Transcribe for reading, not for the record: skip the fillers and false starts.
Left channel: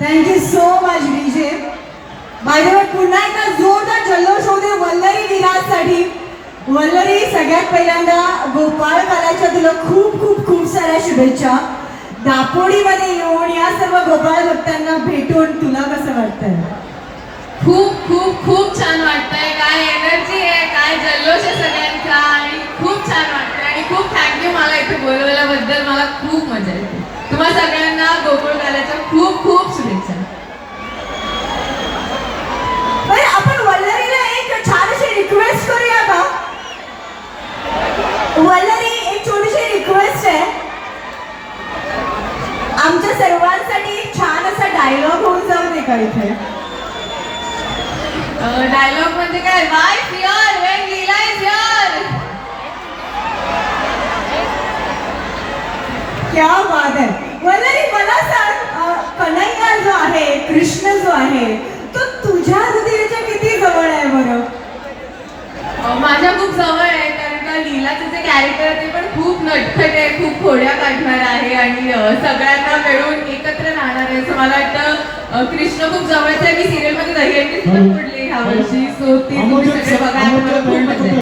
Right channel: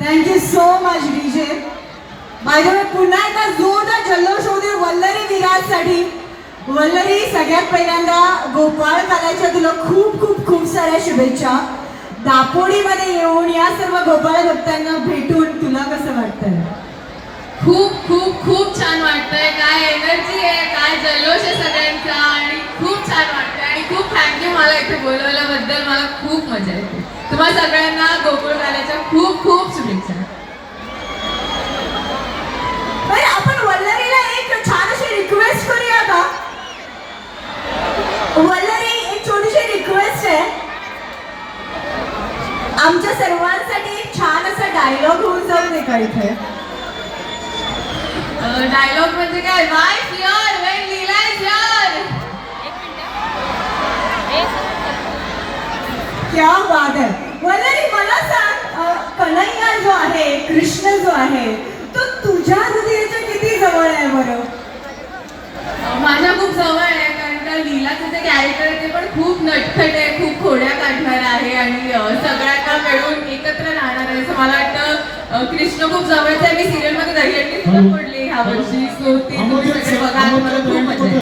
Thank you so much DJ. By the way पुन्हा एकदा जोरदार जल्लोष होऊ दे वल्लरी विराजसाठी. वल्लरी, सगळ्यात पहिल्यांदा गोपाळ कालाच्या तुला खूप खूप खूप साऱ्या शुभेच्छा. दापोडीमध्ये येऊन या सर्व गोपाळ भक्तांना भेटून तुला कसं वाटतंय? खूप खूप खूप छान वाटतंय. काय एनर्जी आहे, काय जल्लोष आहे सगळ्यांचा आणि खूप छान वाटतंय आणि खूप थँक्यू मला इथे बोलवल्याबद्दल. मला खूप मजा येते. तुम्हा सगळ्यांना गोकुळ काल्याच्या खूप खूप शुभेच्छा. आपण वल्लरीला एक छान अशी रिक्वेस्ट करूया का? वल्लरी, एक छोटीशी रिक्वेस्ट आहे. आमच्या सर्वांसाठी एक छान असा डायलॉग होऊन जाऊ दे का इथे? डायलॉग म्हणजे काय? Y fear when Leela is here. क्या बात आहे. वल्लरी, मला सांग, कन्हैया जो आहे, कृष्ण जो आहे, तो तुझ्या हृदयाच्या किती जवळ आहे बरं? माझ्या खूप जवळ आहे, कारण का लीलाचं जे कॅरेक्टर आहे ते पण खूप नटखट आहे, खूप खोड्या काढणार आहे आणि सगळ्यांना मिळून एकत्र राहणार आहे. असं मला वाटतं कृष्ण खूप जवळचं आहे. मी सिरियलमध्ये दहीहंडी सुद्धा फोडली ह्या वर्षी. सो ते तुम्ही सगळे बघा, मला खूप मजा येईल.